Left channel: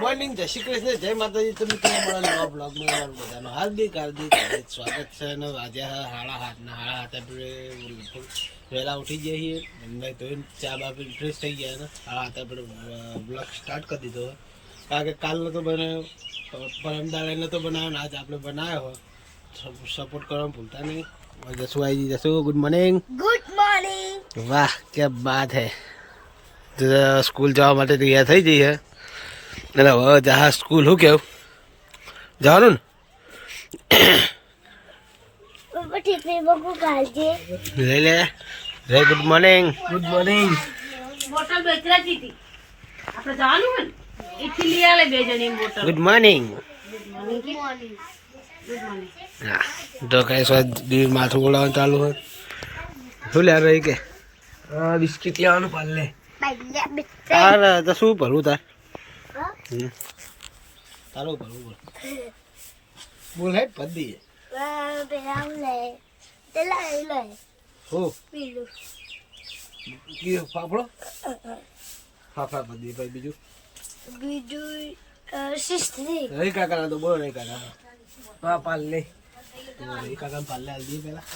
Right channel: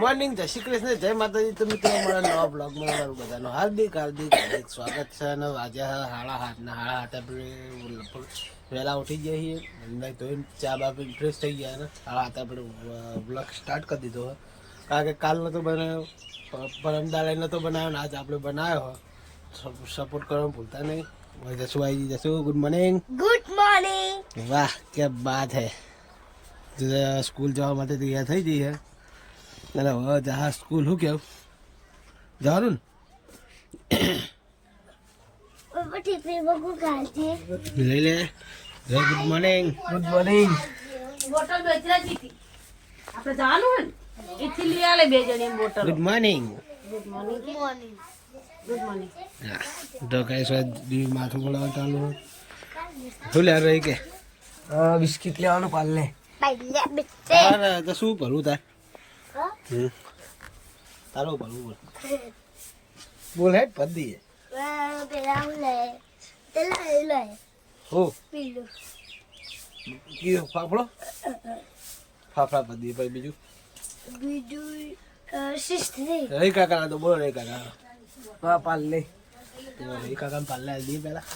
Morning જય શ્રી કૃષ્ણ જય માતાજી. તો મિત્રો મારા નવા બ્લોગમાં તમારું બધાનું હાર્દિક સ્વાગત છે. અને આજે 7:30 આપણે વહેલા ઉઠી ગયા છીએ અને ધોઈને ચા બા પીને ફ્રેશ થઈ ગયા ને 7:30 આપણે બ્લોગ સ્ટાર્ટ કરી દીધો હોય. કારણ કે કાલ નહોતો બનાવ્યો, પરમદાડે નહોતો બનાવ્યો ને આજે આપણે બનાવ્યો હોય. સપોર્ટ કરવાનું ભૂલતા નહીં. જસુ આવી જશું. Good morning. Good morning. વાહ ક્યાં બાત હે. સ્કૂલ જવા માટે તૈયાર થઈ જઈએ. એટલે હવે જહા સ્કૂલ શું કેવું જવાનું ને લઈ લે રે. Good morning. Good morning. Bottle બેચરાતી હતી આપણે જવાનું હોય ને એથી લઈ આલે બે જણી bottle. Good morning. Good morning. Good morning. હા તો કઈ સ્વાદ દીવ માથું બોલાવવાનું ચાલુ હોય. શું લે રહી કે બિસ્કિટ લેવાનું પાલે તાર તો શું ભરવું તાર તારો ભરવું બોલ બોલ હે પદી હું કીધું ફાફડો ફાફડા પદી ભાઈ બીજું રહી કાકા ના તો બોલો રહી કાકા હા પાલ લે રહી કાકા પાલ લે દી પેલા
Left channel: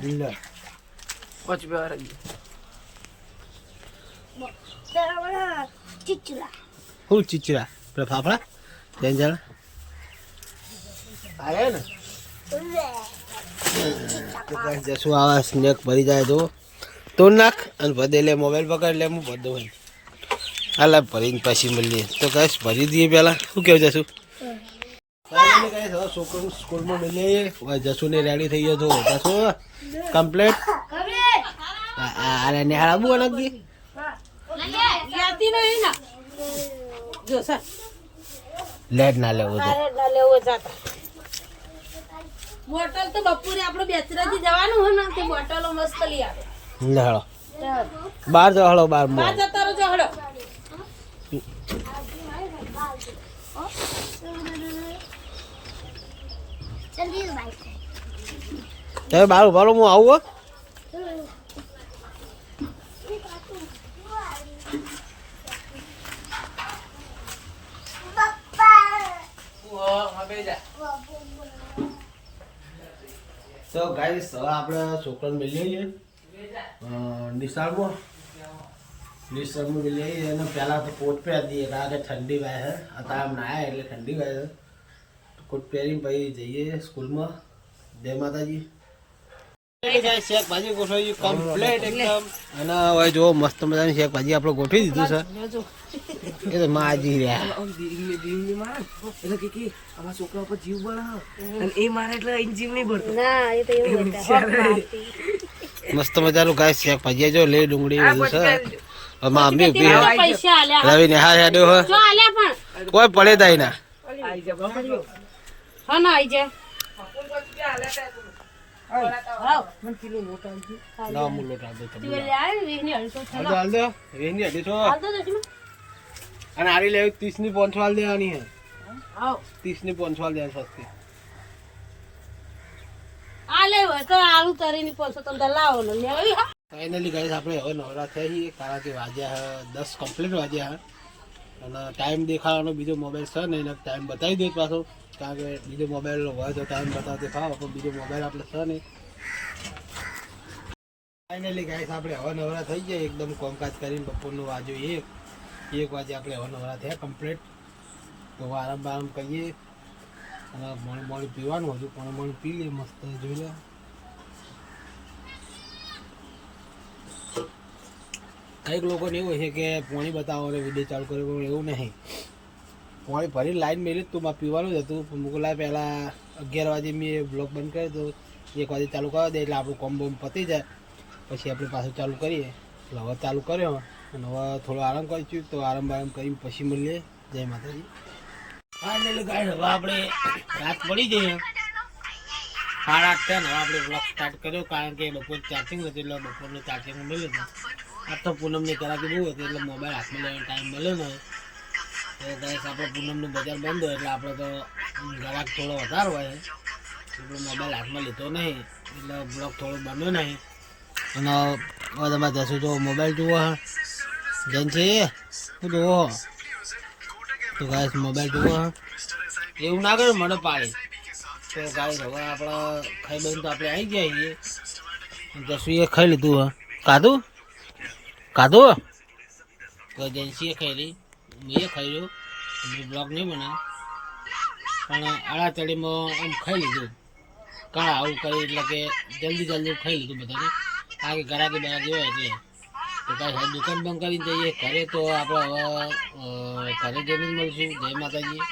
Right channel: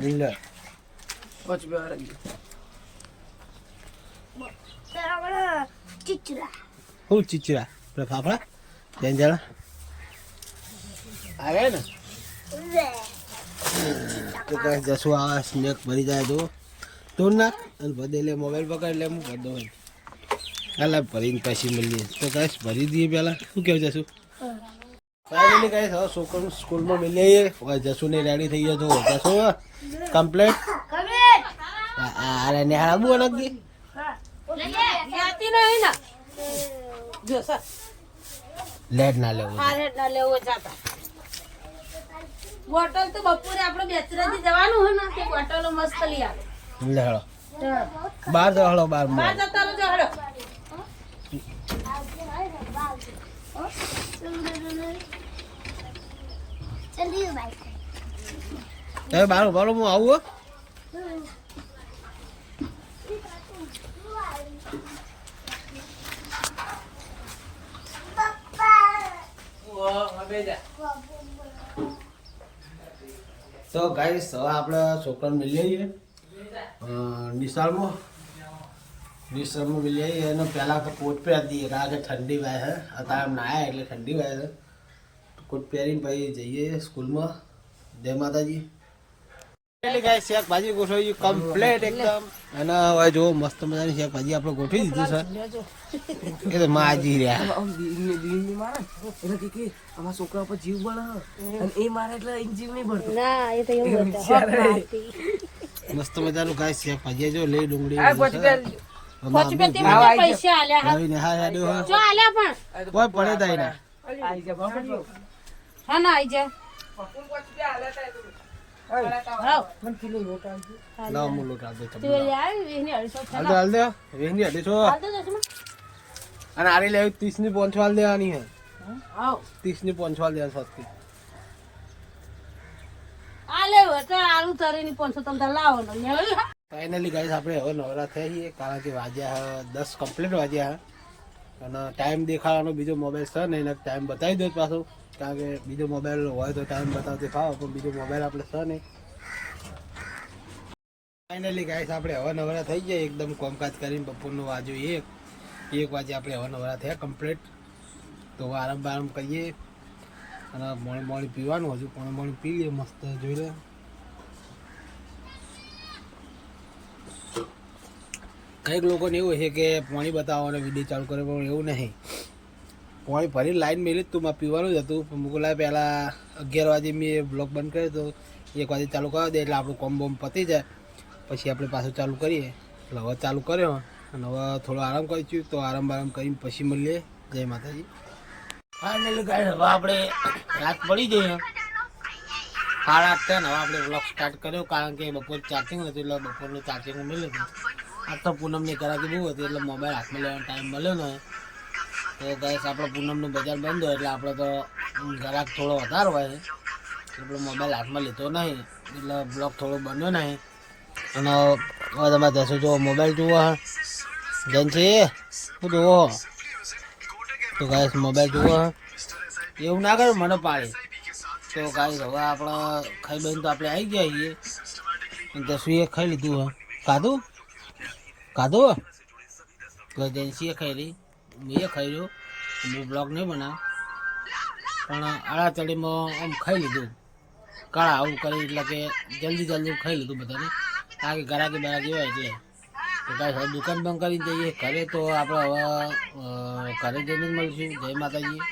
દિલ્લા પાંચ બે વાર હું ચીચરા પેલા ફાફડા જઈને ચાલો આવે ને તો કઈ જશું આવા સ્નેક ભરી જાય તો નાખ અને ભદે લે મોબાઈલ પકડ લે હું ભર દઉં હાલા ભરીને પછી મળીએ. તો કઈ ભરી દઈએ પહેલાં શું કેવું જશું ફાઇનલી કઈ હવે છોકરું સ્કૂલમાં મળીએ હવે જશું ને રેડી થઈ જશો જશો કમ્પ્લીટ અરે નિહાળ આબુ નાખી લેટ ના લેવો બોટલ તો બપોરે આપણે બેચરાથી જવાનું હોય ને તે બોટલો મસ્ત લઈ આવે. લે હળો બાર જો હળો બાર મો ચાલો બાર ઉભારો હું આવું તો ગાઈસ હવે આપણે છોકરાને મિલી આવીએ નિશાળમાં મિલી આવીએ અને પહેલાં તો કોટ પહેરી દઈએ કારણ કે ઠંડી વાય છે અત્યારે આમ નાયા એટલે ઠંડી વાય છે કોટ પહેરીને પછી જઈએ સ્કૂલમાં. જય માતાજી. શાકભાજી ગોઠવી કમ્પ્લીટ એકદમ અને હવે જો મસ્ત મજાની શાકભાજી આપણે ગોઠવી દીધું છે. એ તો માજી રહ્યા છોકરા ઉપર જીવ બળે અને એ મારે એટલે જીવ નહીં ભરતો. મસ્ત મજાનું ગાય શાકભાજી જો લે ડુંગળી રવિ ને હા યાદો કોઈ પડે તાઈ ના અને આરી લેવી 30 ની 5 વાલ દેવાની હે 30 ની 5 વાલ દેવાની સસ્તી ફાઇનલી ગાઈસ આપણે હવે નવરા થઈ છીએ કારણ કે વાગ્યા 10 કમ્પ્લીટ વાગ્યા અને ટાઈમ દેખાવાનો બીજો મોબાઈલ છે ને એને ટાઈમ બતાવી દો પાછો કારણ કે બીજો મોબાઈલ હોય તો ટાઈમ બતાવતી ફાવો પણ બીજો મોબાઈલ આપણે છે નહીં. ફાઇનલી ગાઈસ આપણે હવે નવરા થઈ જાય એકદમ કામકાજ કરીને બપોરનું વાજો 1 વાગે આપણે હવે નવરા થયા કમ્પ્લીટ. તો આરામ બારામ કરીએ અને મોડી પીવાનું હજુ મોડી પી લઈએ મસ્ત જોઈ લે. કંઈક લોકોને એવું છે કે પાણી બતાવો અને વિડીયો ચાલુ કરે પણ એવું નહીં. પાણી ભરી લાઈન મેલી તું માં પીવાનું જ હતું પણ મોકલાય પહેલાં 11 વાગે મેં બ્લોક બંધ કર્યો તો 1 વાગે ચાલુ કરવા દે એટલે આપણું કોમ બોમ પતી જાય પછી આપણે પાછું ચાલુ કરીએ. એટલે હવે ચાલુ કર્યો અને હવે થોડો આરામ કરીશું તો આરામ કરીને પછી મળીએ. જય માતાજી. ફાઇનલી ગાઈસ હવે આપણે રાત પડી ગઈ 8:30 હવે આપણે બ્લોગ સ્ટાર્ટ કર્યો કારણ કે બપોર ચાર્જિંગ નથી એટલે બપોરનું ચાર્જિંગ મળ્યું હતું. આ તો પૂનમની કરાકી બહુ હતી એટલે મોબાઈલ હાથમાં લેવાનો ટાઈમ મળ્યો ને તો ગાઈસ આપણે પૂનમનું બજાર બંધ હોય એટલે આપણે તો ગ્રાહક થોડો વધારે હોય એટલે મોબાઈલ હાથમાં લીધો નહીં એટલે બ્લોગ થોડો બન્યો નહીં. અને હવે તમારે જશો જો મોબાઈલ જુઓ હા જનસી શું જુઓ તો ગાઈસ મોબાઈલ જુઓ હા એવું ના કરે મને પાડી. તો ગાઈસ હવે આપણે ખાઈ બહીને તો આપણે આવી ગયા છીએ અને જસુએ ખાઈ લીધું હા કાધું કાધું તો એજન્સીએ ખાઈ રહી મેં ખાઈ રહ્યો હું બ્લોગ નહીં બનાવ પણ આડા ચડીમાં આમ ખાઈ લીધું કાળા આવું કરી એટલે કે જલ્દી ખાઈ લીધું બધાને કારણ કે ગરાકી બરાકી હોય એટલે. તો કાંઈ હવે દુકાન બંધ કરીને જઈએ ઘરે તો આપણે હવે ઘરે જઈને જ મળીશું. જય માતાજી.